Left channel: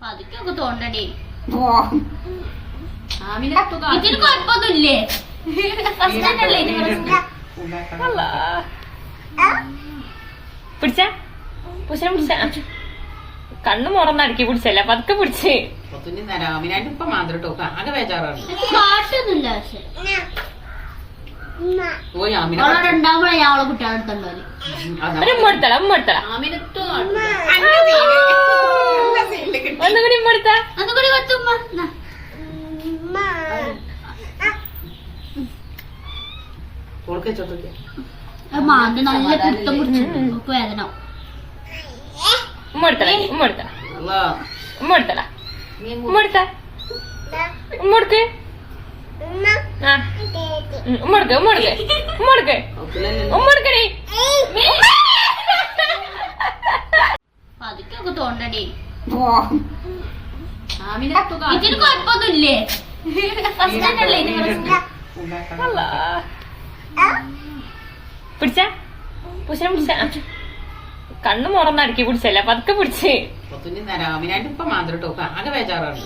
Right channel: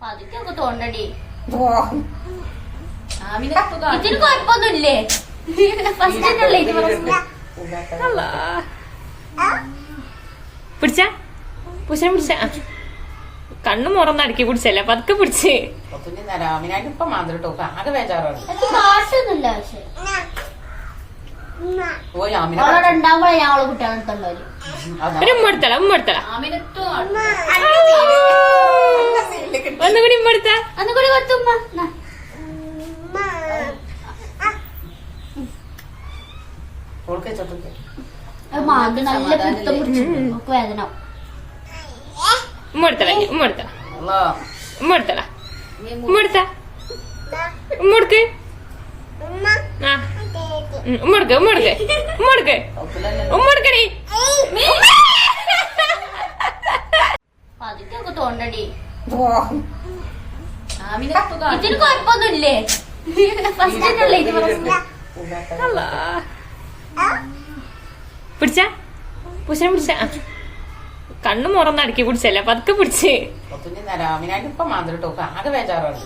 പതുക്കെ തോണ്ടടി ആമിനത്തു ഇതിന് കുഴപ്പമൊന്നുമില്ലേ? പിടിച്ച? പിടിച്ച കണ്ണു മുറന്ന് അടുക്കി പിടിച്ചല്ല? പതുക്കെ പിടിച്ച്. മുടത്തല നേരം ആമിനായിട്ട് ഓൾക്ക് ചൊട്ടുക്ക്. അത് മാന്തി നല്ല പിടുത്തം പിടിച്ചു. ഒക്കെ വേദന. ഉമ്മ എടുത്തല ഉമ്മ എടുത്ത അല്ലാ. ഉമ്മ എടുത്തല ഉമ്മ. എടുത്ത? ഉമ്മ എടുക്ക്. ഉമ്മ എടുക്ക് ഉമ്മ എടുക്ക്. ഉമ്മ എടുക്ക്. ഉമ്മ എടുക്കടി പതുക്കെ തോണ്ടടി ഇതിന് കുഴപ്പമൊന്നുമില്ലേ? ഫസ്റ്റ് തന്നെയല്ലേ ഇത് പറഞ്ഞത്? പിടിച്ച? പുരുഷനെ പിടിച്ച? കണ്ണു മുറന്ന് അടുക്കി പിടിച്ചല്ല? പതുക്കെ പിടിച്ച്. ആകെ ബേജാറാണ്.